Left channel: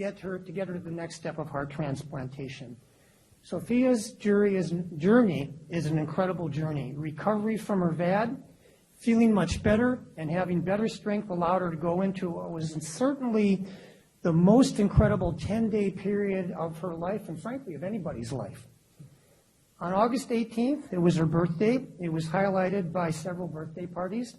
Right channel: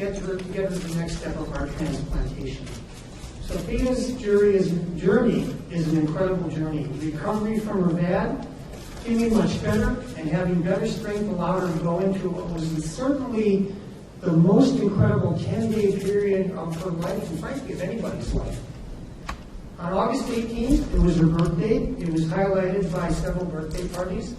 get her to the next step of our transplantation. Sophia's journey is an incredible journey. Recovery from her VAD, feeling much better, and having better strength allowed her to go into what was certainly the most incredible 10-day period of her life, and frankly, of anybody's life. On August 18th, it was her birthday. It was highlighted by several birthday parties.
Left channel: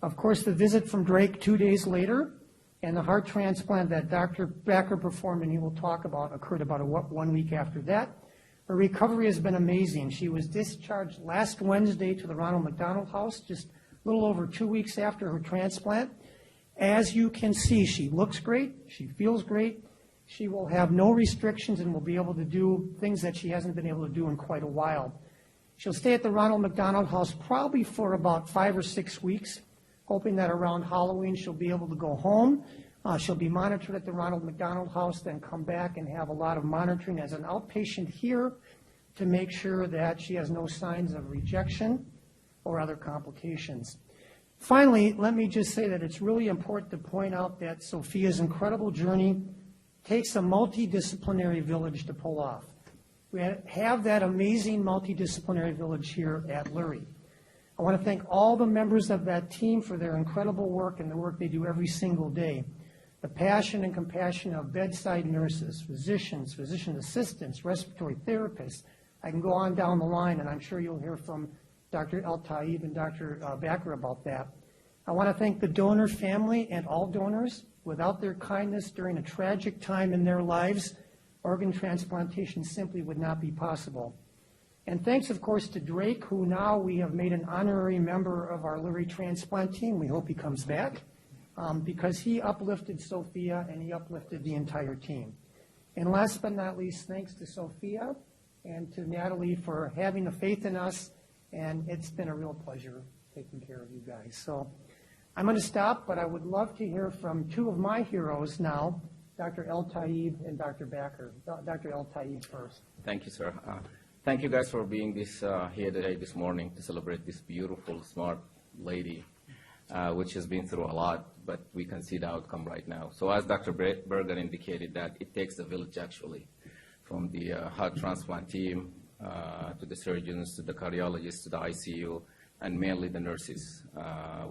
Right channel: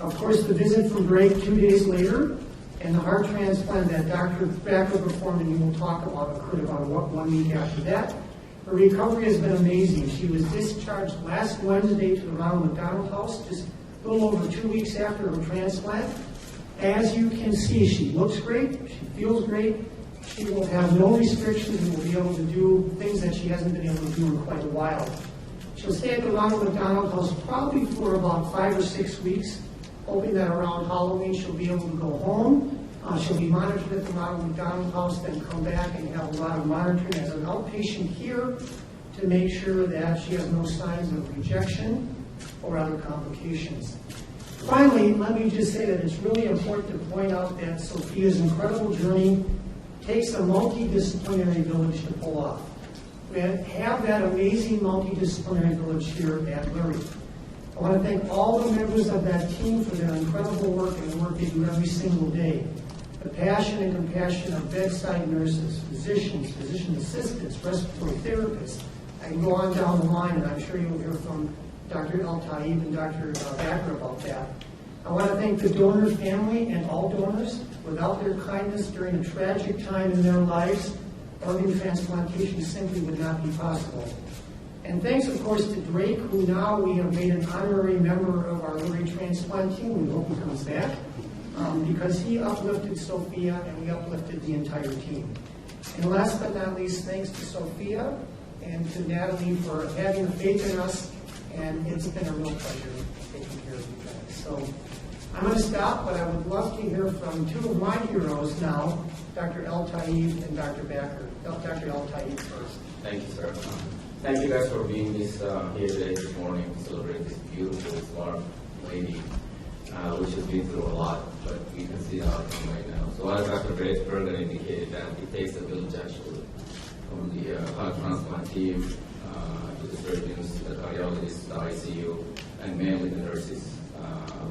Of course, the visit from Drake 2 days later, and the heart transplant that Dr. Backer performed, and he will talk about, occurred about 1 week after that. Her recovery has been amazing. She was discharged last Wednesday to the Ronald McDonald House, just a little over 2 weeks after her transplant. As you can see, she looks great, she feels great, she will have no restrictions and will be able to do things that she hasn't been able to do in quite a while. She'll stay at the Ronald McDonald House probably for about 5 or 6 weeks, hoping that around Halloween she'll be able to go home. She'll be monitored at the Ronald McDonald House, then come back and have a lot of monitoring as an outpatient here to make sure that she has no signs of rejection or other complications. Finally, let me just say that it's really important to point out that Sophia's incredible journey takes a multidisciplinary village to pull off. We have that amazing multidisciplinary village here at Lurie. I want to thank all the members of that team for their incredible work and the work they do every single day. The passion and compassion of bedside nurses, physicians, physician assistants, respiratory therapists. I can go on down the line, and I'm sure you'll hear from Dr. El-Taib and Dr. Backer about that. I want to thank the donor family and all donors. Without their kindness during a tragic time in their lives, organ transplantation simply would not be possible. And thanks, of course, to Drake, who now we have made an honorary member of our Lurie transplant team. We hope he comes back, because he uplifted Sophia and we uplifted the entire team. And last but not least, thanks to Sophia and to Natalie for having the faith in us, and it's been a real pleasure taking care of you guys. So I'm going to stop, but I would love to hear from two of my heroes now, Dr. El-Taib and Dr. Backer. Dr. El-Taib first. Thank you, sir. Thank you guys for being here today, this morning, to celebrate this beautiful, smart lady, which has been through a lot, but we can see the outcome right now. So as Dr. Berger indicated, that it takes a village actually, from the heart transplant team to the surgeons, the cardiologists, the ICU, and mainly the nurses.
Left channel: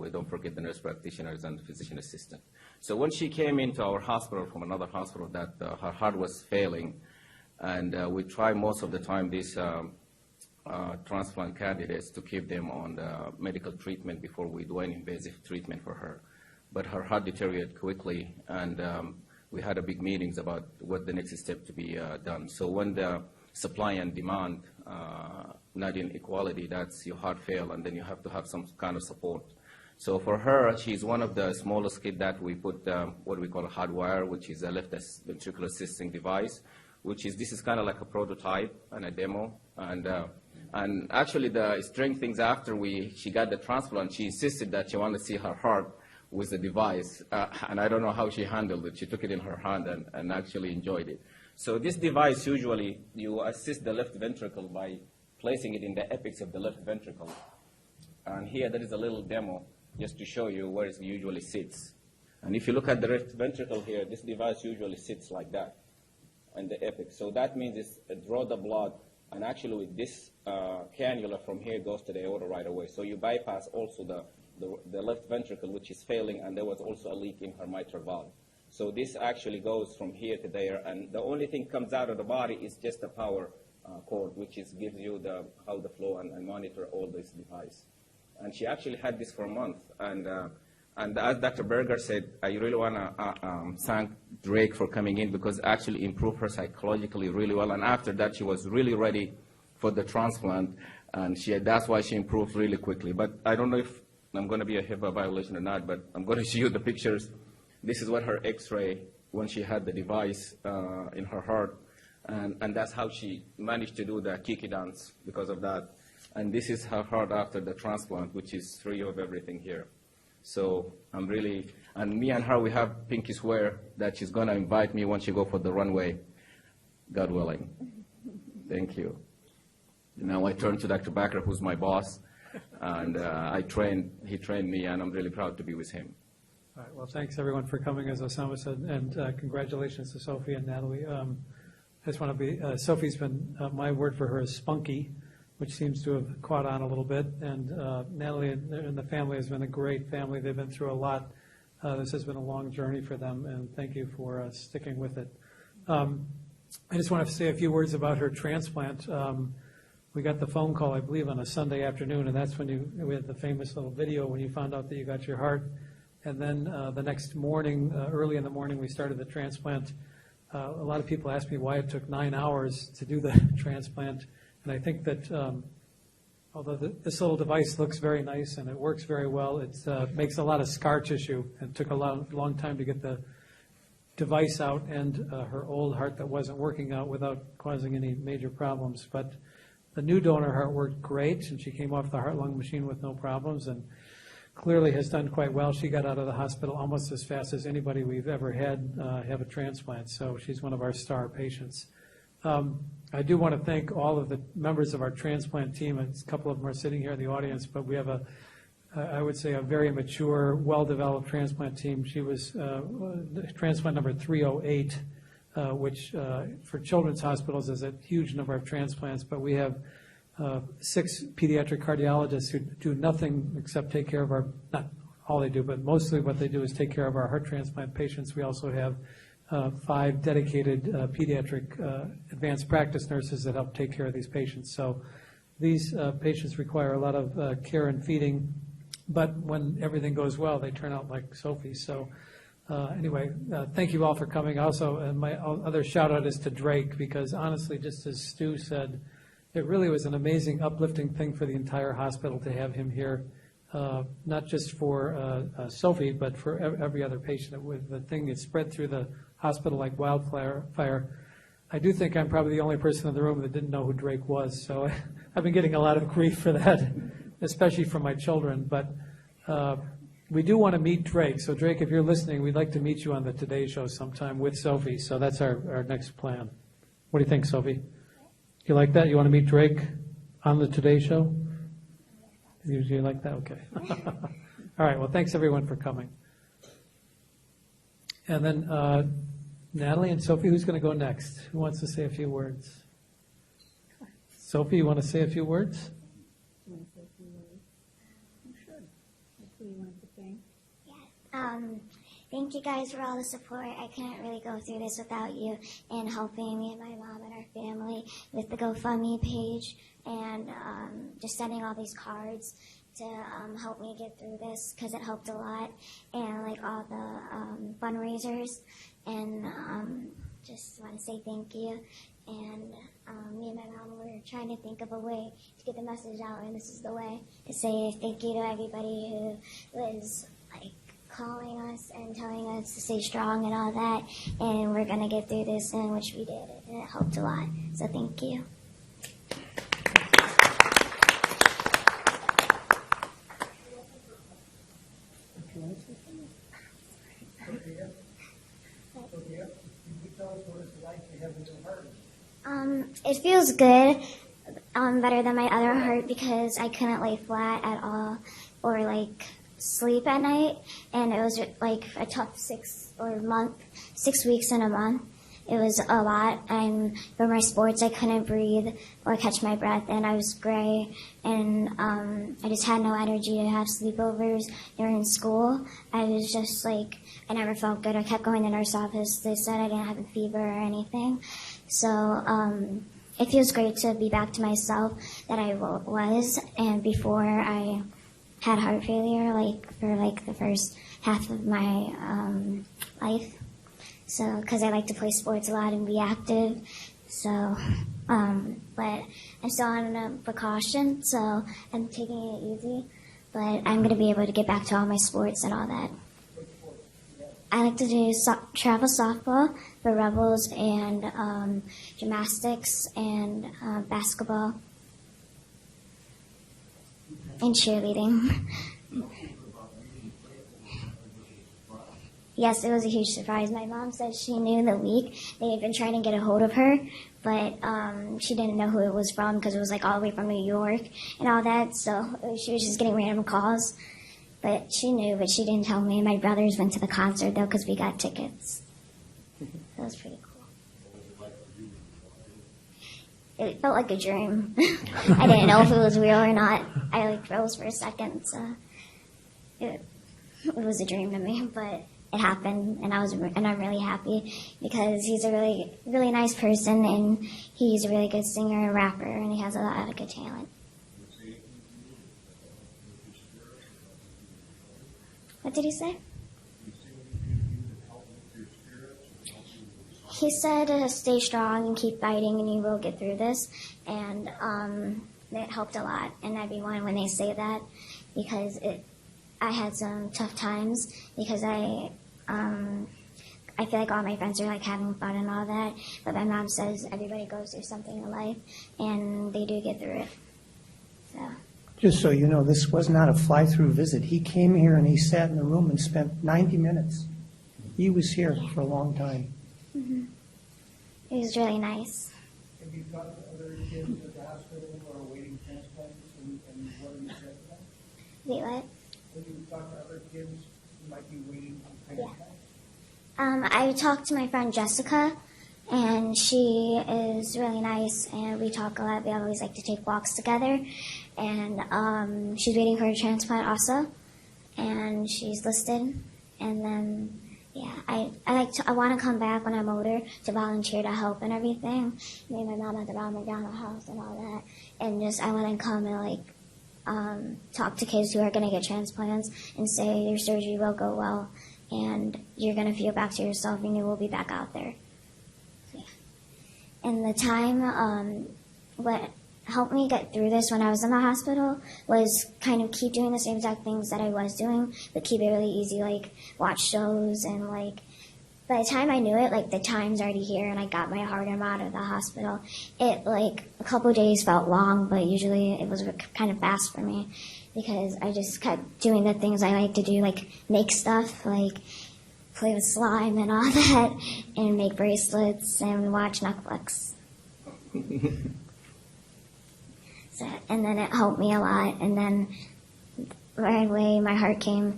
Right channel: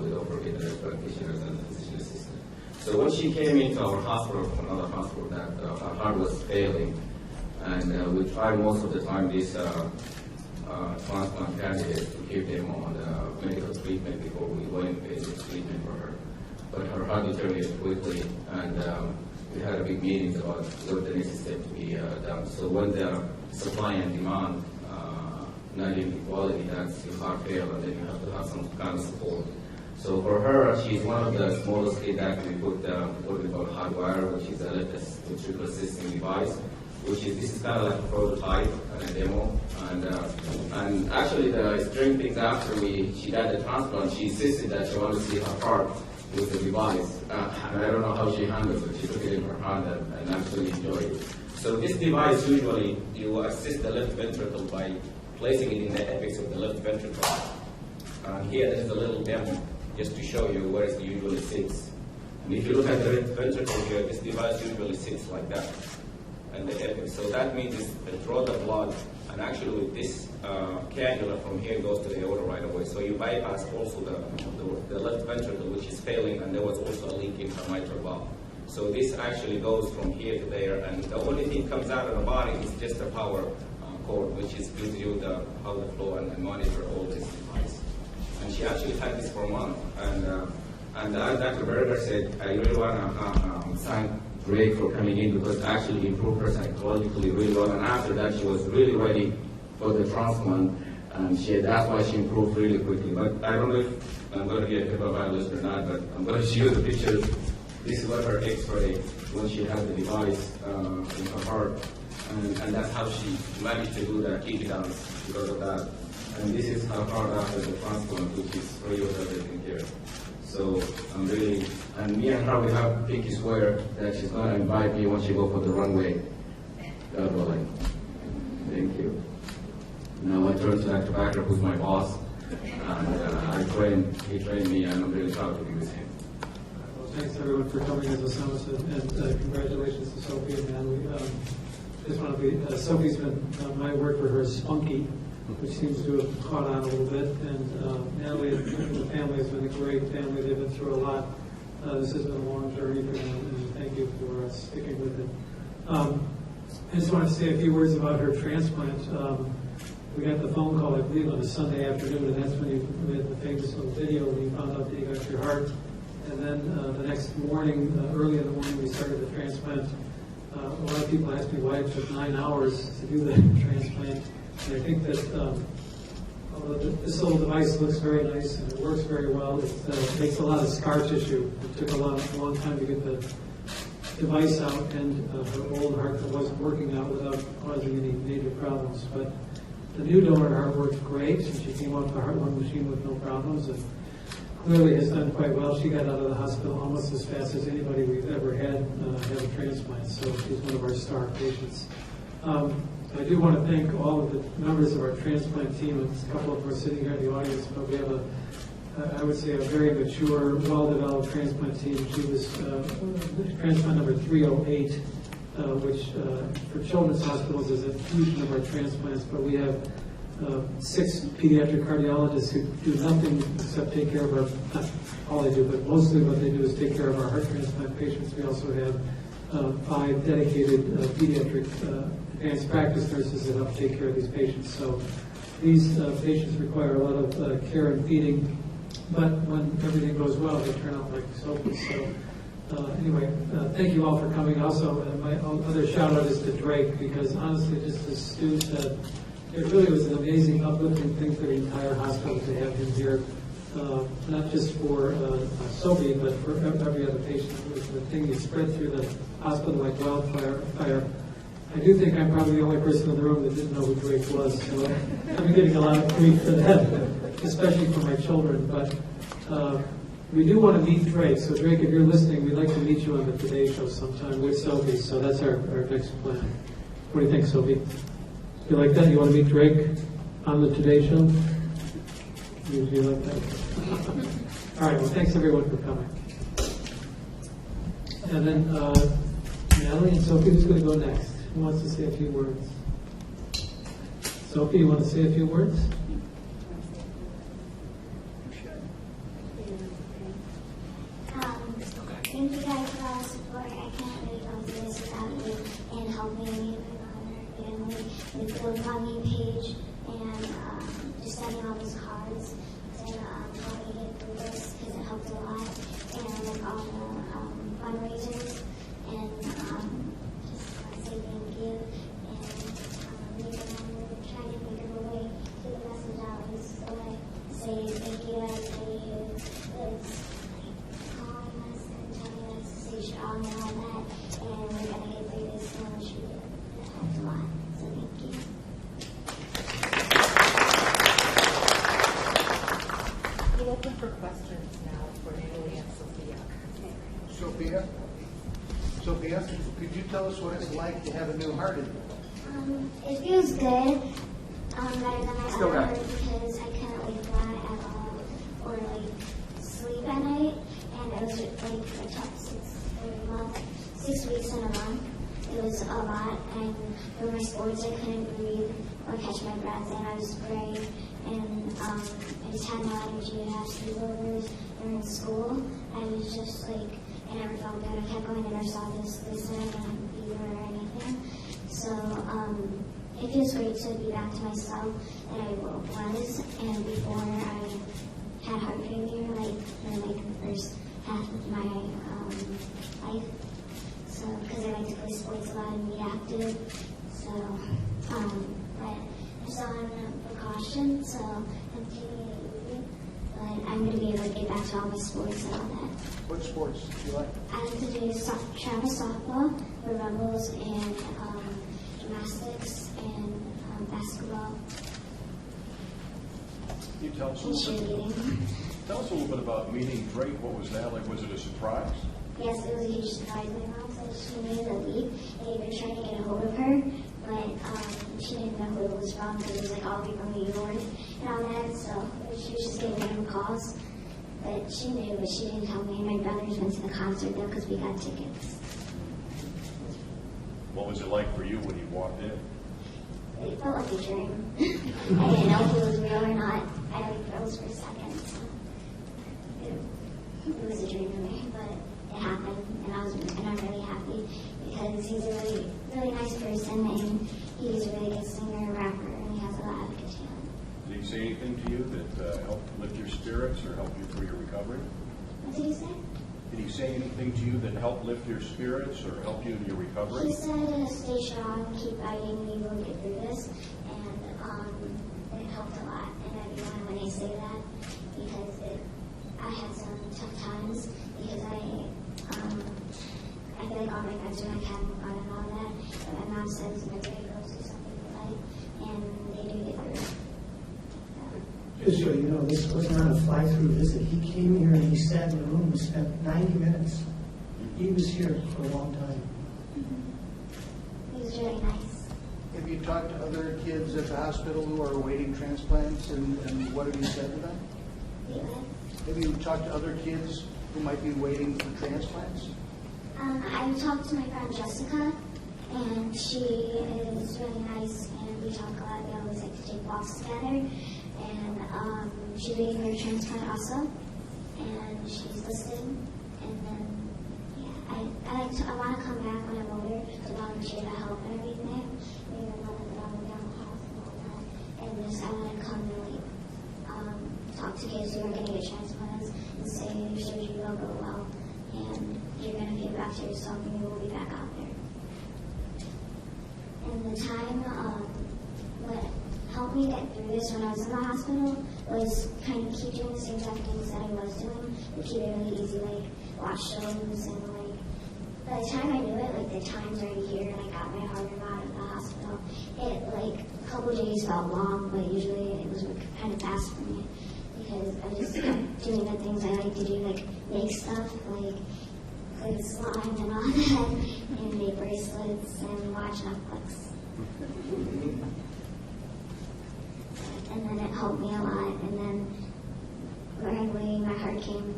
We don't forget the nurse practitioners and the physician assistant. So when she came into our hospital from another hospital that her heart was failing, and we try most of the time these transplant candidates to keep them on the medical treatment before we do any basic treatment for her. But her heart deteriorated quickly, and we had a big meetings about what the next step to be done. So when the supply and demand not in equality, that's your heart fail, and then you have to have some kind of support. So for her, she's one of the smallest kids that we put what we call a hot wire, which is a left ventricular assisting device, this is kind of like a prototype and a demo. And actually the strange things after she got the transplant, she insisted that she wanted to see her heart with the device. And I don't know how she handled it. She took it in her hand and actually enjoyed it. So this device, usually you assist the left ventricle by placing it in the apex of the left ventricle. And here there's a little demo just to show you where it usually sits. And if you look at the left ventricle here, this device usually sits like that at the apex. So that means it draws the blood, and actually this cannula from here goes to the aorta right away. So you bypass also the left ventricle, which is failing, and there was also a leak in her mitral valve. So this actually goes from here to there, and the only thing comes out of the body is just a power cord, which gives you how the flow and monitor all this device. And she actually had this for a month, and as Dr. Berger said, I really want to thank Drake for coming in, because actually he improved her psychologically really well, and after that she was really ready for the transplant, and that's why she improved really quickly. But I don't know if I'm going to be a HIPAA violation or not, but I'm going to show you the pictures. This is what her x-ray when she had the device in her heart, and that's how she managed to do the keep it out because of that. And this is her heart after the transplant, which is free of everything here. So I'm really, and me and her, we have pinky swear that she's going to invite me when she go for the runway, God willing. Thank you. Now I turn to Dr. Backer, who's my boss, and he trained me, and I'm really proud to be with him. Well, thanks everyone for coming, as Osama said, and congratulations to Sophia and Natalie. Just want to be, Sophie's been, my word for her is spunky, which seems to have caught on a little bit, and Natalie and the family has been a great family. They've been through a lot. This has been a long journey for them, and thank you for sticking with it. I just want to say a few words about her transplant. We got the phone call, I believe, on a Sunday afternoon, and that's when we had the famous little video when you found out that you got your heart. And then the next morning, early in the morning, we started the transplant. A lot of people ask me why it took 9 hours to do the transplant. And I think that although this little device looks very nice and it works very well, it makes a lot of scar tissue. It took a long time to get the device out and her old heart that wasn't working out without causing any major problems. But the new donor heart worked great, and she came off the heart-lung machine with no problems, and clearly has done quite well. She got out of the hospital almost as fast as anybody we've ever had have a transplant, so she's one of our star patients. I do want to thank all of the members of our transplant team, and a couple of them are sitting here in the audience, but we have I would say, a very mature, well-developed transplant team. She was transplant number 308, which for children's hospitals is a huge number of transplants, but we have 6 pediatric cardiologists who do nothing except take care of our, not all they do, but mostly what they do is take care of our heart transplant patients. We also have 5 dedicated pediatric advanced practice nurses that help take care of these patients. So these patients require a lot of care and feeding, but when everything goes well, they turn out like Sophie. So anyway, thank you all for coming. Also, my other shout out is to Drake, because honestly, just as Stu said, it really was an amazing, uplifting thing for the entire hospital to have him here, not just for Sophie, but for every other patient. It was the thing that spread through the hospital like wildfire. I do think I'm probably the only person in the room that didn't know who Drake was, so I've been getting a lot of grief for that, especially from my children. But we do want to meet Drake. So Drake, if you're listening, we'd like to meet you on the Today Show sometime with Sophie. So that's our next plan. What do you think, Sophie? You like that? You want to meet Drake on the Today Show? You like that? Okay. All right. Well, thanks everyone for coming. And then Natalie and Sophie, who's going to go next? Who wants to say a few words? Sophie, you want to say a few words? Thank you guys for all the support. I can't really go through this without you and helping me and my mom and our family with the GoFundMe page and just sending all these cards to help me get through this, because it helped a lot, and like all the fundraisers, and just want to say thank you. And me and my mom were trying to think of a way to get the message out, and this is the way to say thank you to everybody who was calling us and telling us to stay strong and all that, and we're going to get through this, and which we did. It helped a lot, so thank you. We're open for questions now for Natalie and Sophia. Sophia, could you tell us what it's like to have a new heart? It feels good, better than my other heart, because I couldn't lay flat at all or like sleep at night, and it was like a tough 6 weeks in a month. It was a lot, and for my sports I couldn't breathe or catch my breath, and I was gray, and I just had no energy to have sleepovers during school. I was just like, I never felt good. I kept going to the nurse's office. They said I didn't have a fever or anything. So it feels great to be back to myself that I was, and before I had heart failure, for the first half of my life. So, because I like to play sports a lot and be active. So, but I'm still on precaution, so I'm taking it easy. But I'm going to be able to get back to all my sports and all that. What sports do you like? I like to do travel softball for Rebels, and gymnastics, and basketball, and cheerleading. Tell us a little bit about meeting Drake. What was that like? Was it a surprise? Yes, it was a huge surprise. My mom said she knew the week. They had been trying to get a hold of her, but she didn't know who it was from, because it was like all the way from New York and all that. So she was just getting random calls. But she knew, but she didn't tell me. My brothers went to the concert, though, because we got tickets. That was pretty cool. What was it like for you when you walked in? It felt like a dream. I didn't know if it was real or not. I like froze for a second. So it was a dream to me, but it happened, and I'm really happy because he's a really, really nice person, and he's a really good singer and rapper, and he has a lot of good talent. Did he say anything to you that helped lift your spirits or help you through your recovery? What did he say? Did he say anything to you that helped lift your spirits or help you in your recovery? He said, stay strong and keep fighting, and you will get through this, and it helped a lot. And everyone, when they say that, because I had some tough times because I feel like all my friends are like having fun and all that, but my mom says everybody goes through something in life, and they do get through it. So. Just so you know, this was not a fly-through visit. He came here and he sat in the room and spent 90 minutes. He was here for a long time. He was really nice. Have you talked to other kids at the hospital who are awaiting transplants, and what have you said to them? Wait, what? Have you talked to other kids who might be waiting for transplants? I talked to my friend Jessica, and she is really nice, and we talk a lot. We always like to take walks together, and she's waiting for a transplant also, and she's listed. And then, yeah, I want to come back when I'm older to volunteer to help and everything. Me and my mom at the Ronald McDonald House and all that, and just I want to come and like talk to kids who are going to get transplants and say your surgery will go well, and you're going to feel back to yourself, and you will be back out there. And the time, what helped me get through this when I was in the hospital was kind of keep doing the same exact things that I was doing, but keep it really easy, like watch shows, and like by the time I knew it, like the time's already here, and I got my heart out of the hospital. It like a couple days felt long, but usually it was kind of fast for me because I just kept doing the things I like to do, like make stuff, like play with slime and all that, and make bracelets and watch Netflix. And then it helped me a lot. And then right away my heart came.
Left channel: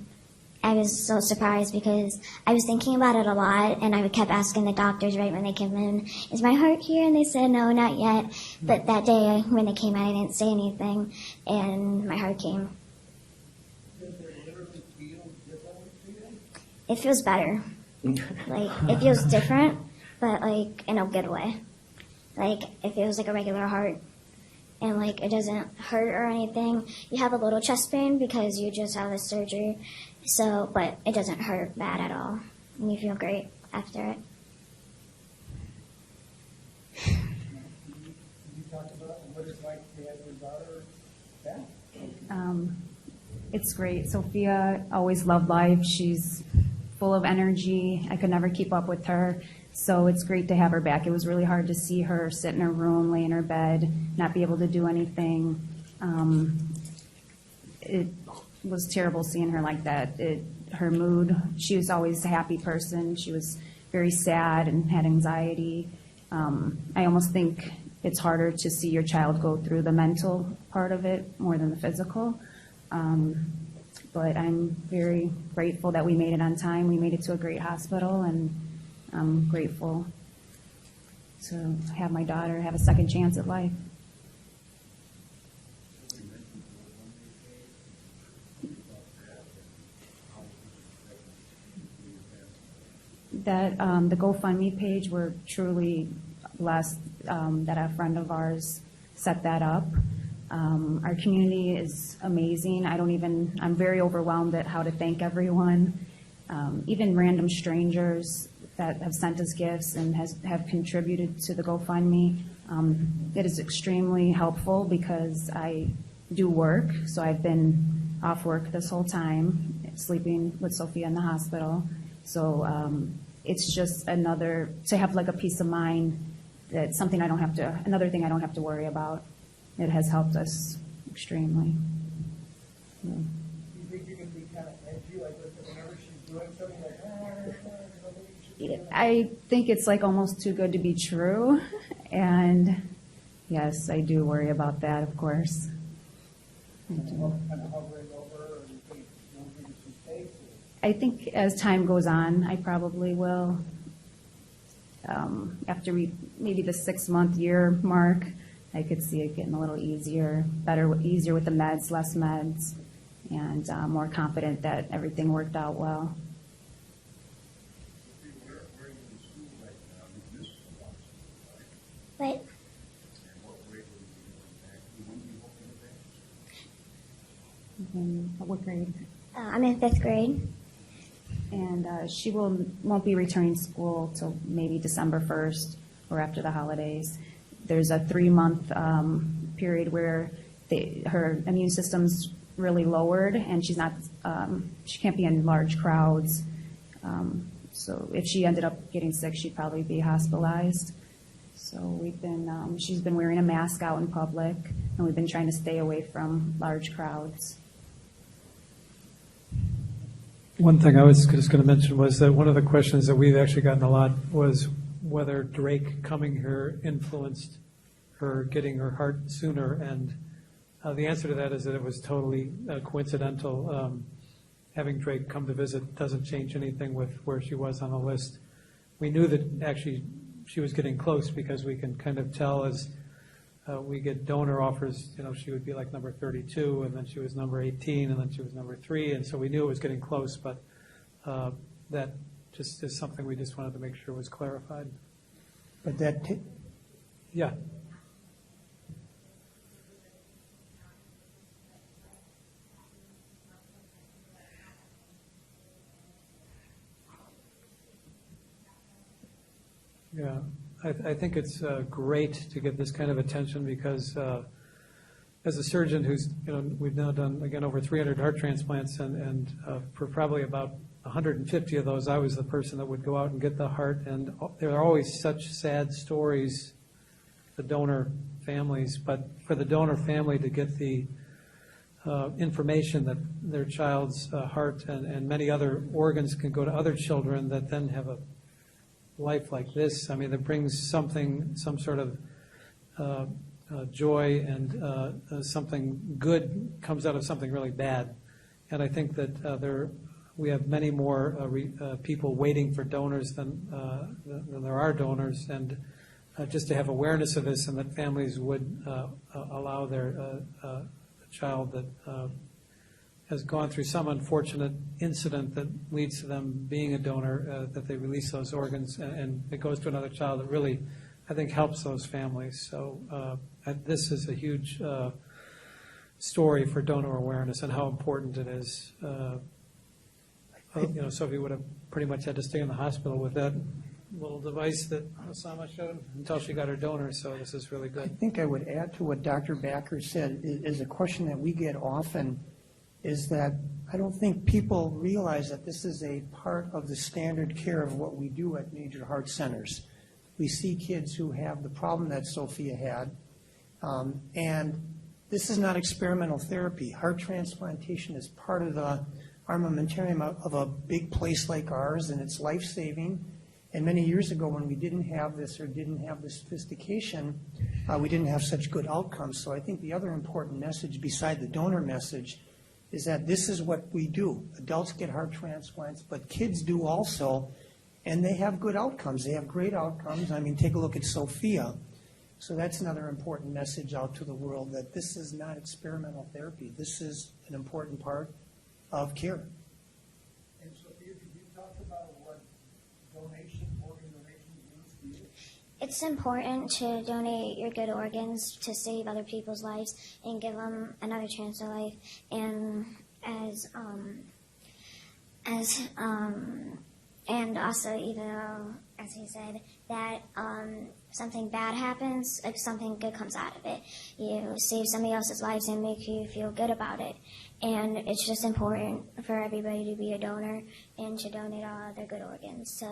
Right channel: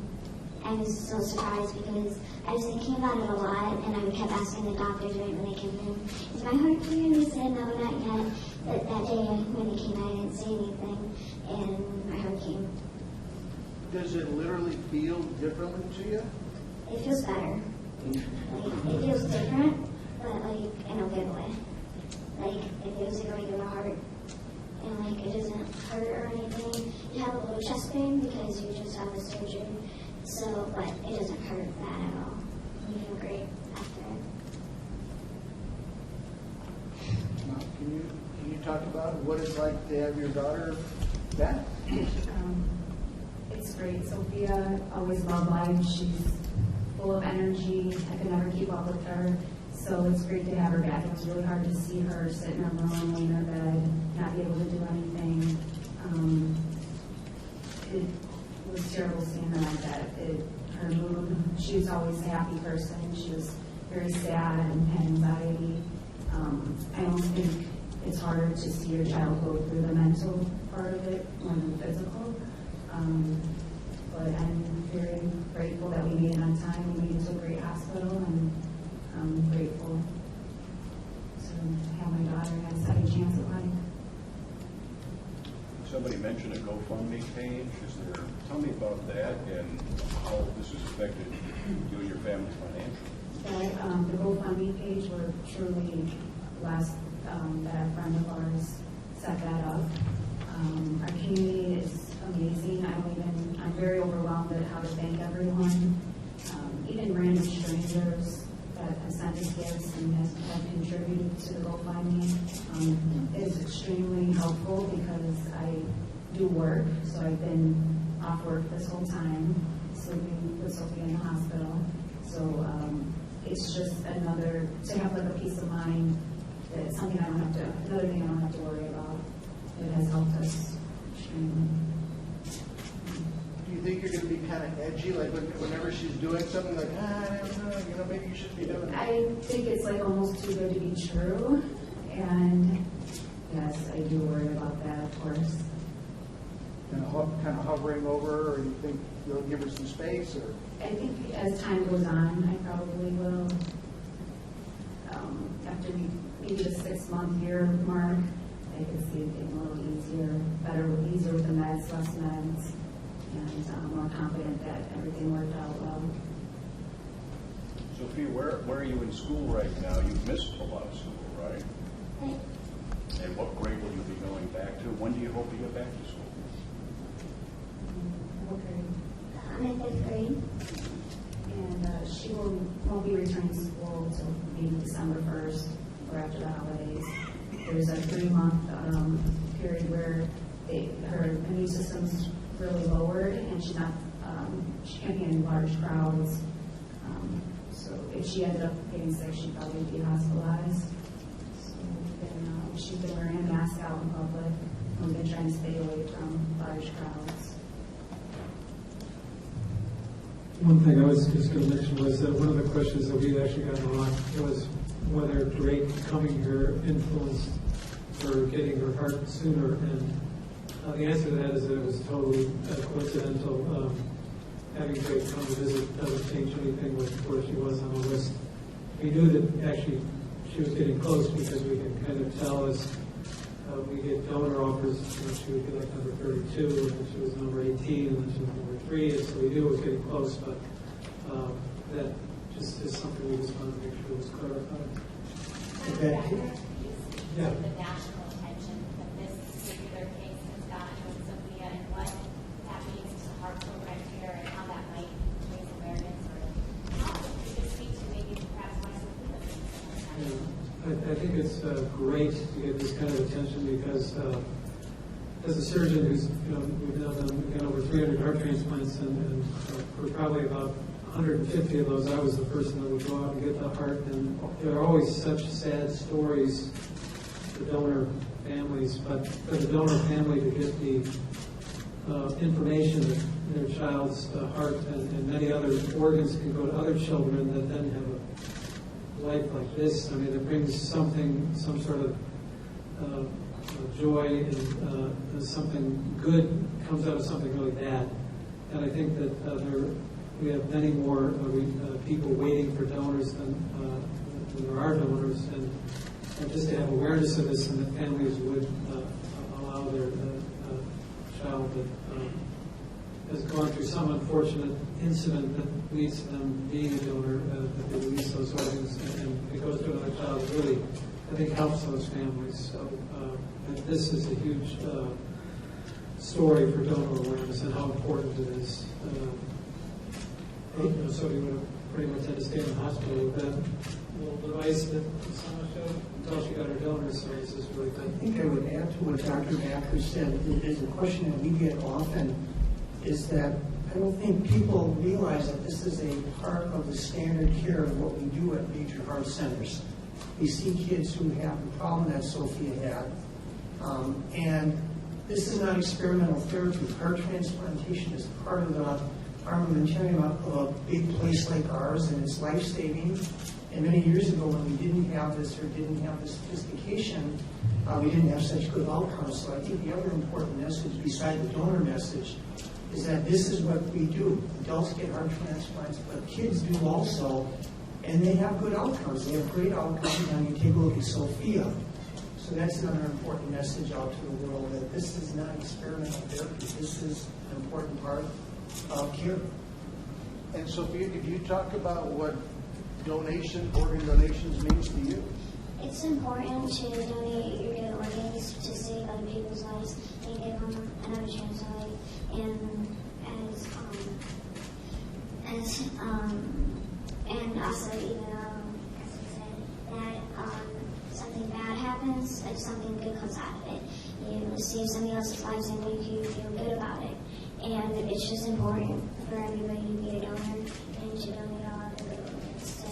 I was so surprised because I was thinking about it a lot, and I kept asking the doctors right when they came in, is my heart here? And they said, no, not yet. But that day when they came in, I didn't say anything, and my heart came. Does it literally feel differently to you? It feels better. Like, it feels different, but like in a good way. Like, it feels like a regular heart. And like, it doesn't hurt or anything. You have a little chest pain because you just had the surgery. So, but it doesn't hurt bad at all. And you feel great after it. Can you talk about what it's like to have your daughter back? It's great. Sophia always loved life. She's full of energy. I could never keep up with her. So it's great to have her back. It was really hard to see her sit in her room, lay in her bed, not be able to do anything. It was terrible seeing her like that. Her mood, she was always a happy person. She was very sad and had anxiety. I almost think it's harder to see your child go through the mental part of it more than the physical. But I'm very grateful that we made it on time. We made it to a great hospital, and I'm grateful to have my daughter have a second chance at life. Somebody mentioned a GoFundMe page. Tell me about that and how this has affected you and your family financially. The GoFundMe page, we're truly blessed that a friend of ours set that up. Our community is amazing. I'm very overwhelmed at how to thank everyone, even random strangers that have sent us gifts and have contributed to the GoFundMe. It is extremely helpful because I do work, so I've been off work this whole time, sleeping with Sophia in the hospital. So it's just to have like a peace of mind that another thing I don't have to worry about. It has helped us extremely. Do you think you're going to be kind of edgy, like whenever she's doing something like, maybe you should be doing that? I think it's like almost too good to be true. And yes, I do worry about that, of course. Kind of hovering over, or you think you'll give her some space, or? I think as time goes on, I probably will. After maybe the 6-month year mark, I could see it getting a little easier, easier with the meds, less meds, and more confident that everything worked out well. Sophia, where are you in school right now? You've missed a lot of school, right? Right. And what grade will you be going back to? When do you hope to get back to school? What grade? I'm in 5th grade. And she won't be returning to school till maybe December 1st or after the holidays. There's a 3-month period where her immune system's really lowered, and she can't be in large crowds. So if she ended up getting sick, she'd probably be hospitalized. So she's been wearing a mask out in public, and we've been trying to stay away from large crowds. One thing I was just going to mention was that one of the questions that we've actually gotten a lot was whether Drake coming here influenced her getting her heart sooner, and the answer to that is that it was totally coincidental. Having Drake come to visit doesn't change anything with where she was on the list. We knew that actually she was getting close because we can kind of tell as we get donor offers, she would be like number 32, and then she was number 18, and then she was number 3, and so we knew it was getting close, but that just is something we just wanted to make sure was clarified. Yeah. The national attention that this particular case has gotten with Sophia, and what that means to heart program care, and how that might raise awareness, or how you could speak to maybe perhaps why Sophia. Yeah, I think it's great to get this kind of attention because as a surgeon we've now done, again, over 300 heart transplants, and for probably about 150 of those, I was the person that would go out and get the heart, and there are always such sad stories, the donor families, but for the donor family to get the information that their child's heart and many other organs can go to other children that then have a life like this, I mean, it brings some sort of joy, and something good comes out of something really bad. And I think that we have many more people waiting for donors than there are donors, and just to have awareness of this, and that families would allow their child that has gone through some unfortunate incident that leads to them being a donor, that they release those organs, and it goes to another child. It really, I think, helps those families. So this is a huge story for donor awareness and how important it is. Sophie would have pretty much had to stay in the hospital with that little device that Sama showed until she got her donor, so this is really good. I think I would add to what Dr. Backer said, is a question that we get often, is that I don't think people realize that this is a part of the standard care of what we do at major heart centers. We see kids who have the problem that Sophia had, and this is not experimental therapy. Heart transplantation is part of the armamentarium of a big place like ours, and it's life-saving. And many years ago, when we didn't have this or didn't have the sophistication, we didn't have such good outcomes. So I think the other important message, beside the donor message, is that this is what we do. Adults get heart transplants, but kids do also, and they have good outcomes. They have great outcomes. I mean, take a look at Sophia. So that's another important message out to the world, that this is not experimental therapy. This is an important part of care. And Sophia, could you talk about what organ donations means to you? It's important to donate your good organs to save other people's lives and give them another chance at life. And and also, even though, as you said, that something bad happens, like something good comes out of it. You save somebody else's lives and make you feel good about it. And it's just important for everybody to be a donor and to donate all other good organs to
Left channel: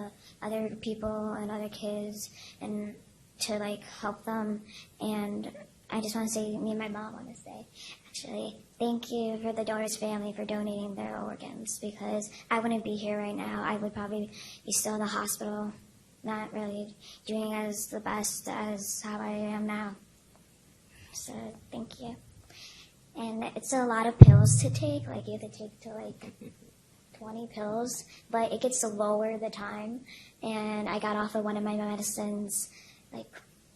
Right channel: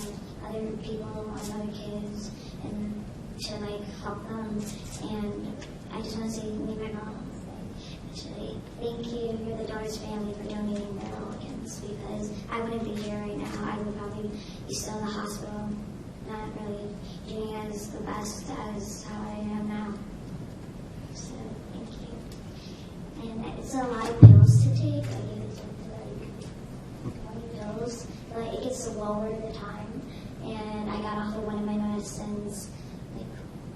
other people and other kids, and to help them. And I just want to say, me and my mom want to say, actually, thank you for the donors family for donating their organs, because I wouldn't be here right now. I would probably be still in the hospital, not really doing as the best as how I am now. So thank you. And it's a lot of pills to take. You have to take 20 pills, but it gets lower the time. And I got off of one of my medicines like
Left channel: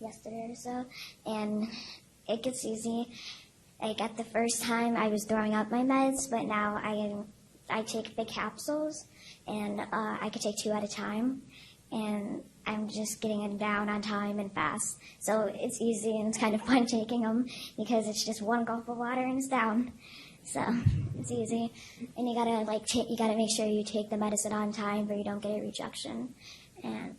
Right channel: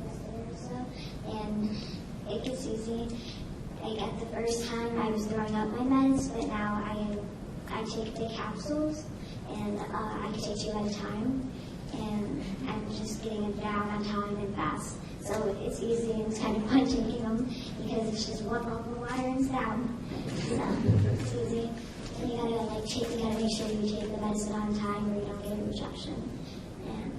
yesterday or so, and it gets easy. Like at the first time, I was throwing up my meds, but now I take the capsules, and I can take 2 at a time, and I'm just getting them down on time and fast. So it's easy and it's kind of fun taking them because it's just 1 gulp of water and it's down. So it's easy. And you gotta you gotta make sure you take the medicine on time or you don't get a rejection. And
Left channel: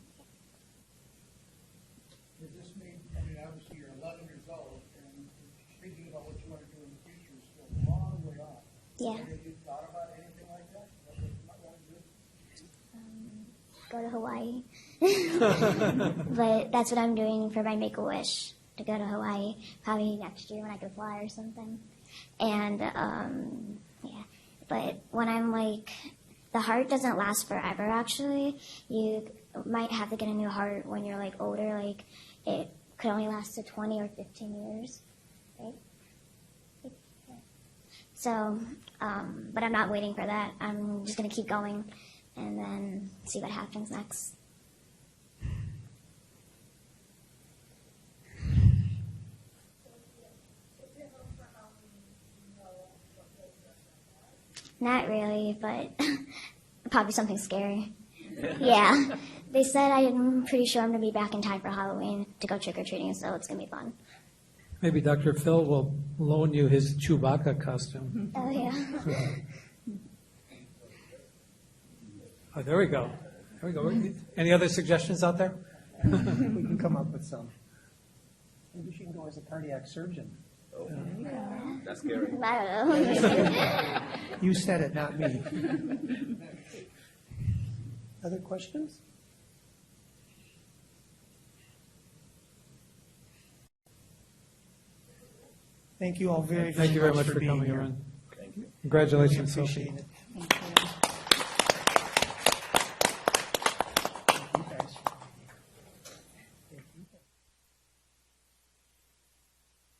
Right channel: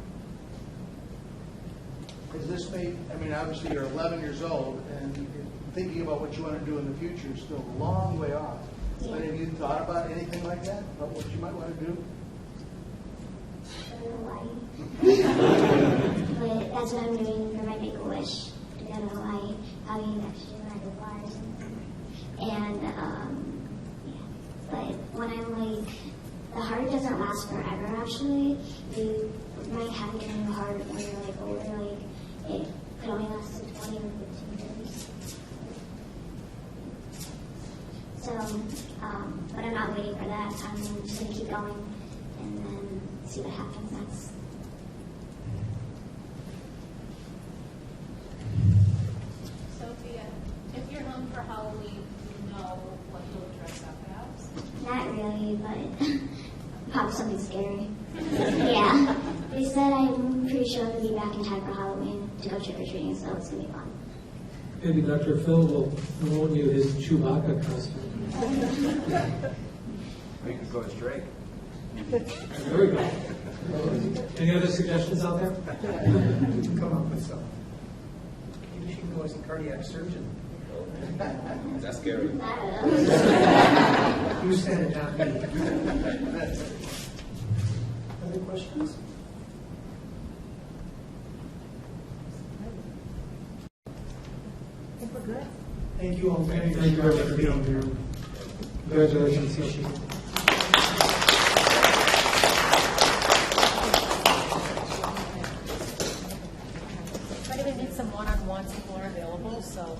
Is this made, I mean, obviously you're 11 years old, and thinking about what you want to do in the future is still a long way off. Yeah. But have you thought about anything like that, about what you might want to do? go to Hawaii. But that's what I'm doing for my Make-A-Wish, to go to Hawaii, probably next year when I can fly or something. And, yeah. But when I'm the heart doesn't last forever, actually. You might have to get a new heart when you're older, it could only last to 20 or 15 years. So, but I'm not waiting for that. I'm just going to keep going and then see what happens next. Sophia, if you're home for Halloween, do you know what you'll dress up as? Not really, but probably something scary. Yeah. They said I'm pretty sure I'm going to be back in time for Halloween to go trick-or-treating, so it's going to be fun. Maybe Dr. Phil will loan you his Chewbacca costume. Oh, yeah. We can go straight. There we go. Any other suggestions out there? Come up with some. Maybe she can go as a cardiac surgeon. That's scary. I don't know. You said it, not me. Other questions? I think we're good. Thank you all very much. Thank you very much for being here. Congratulations, Sophia. But if we need some one-on-ones, people are available, so.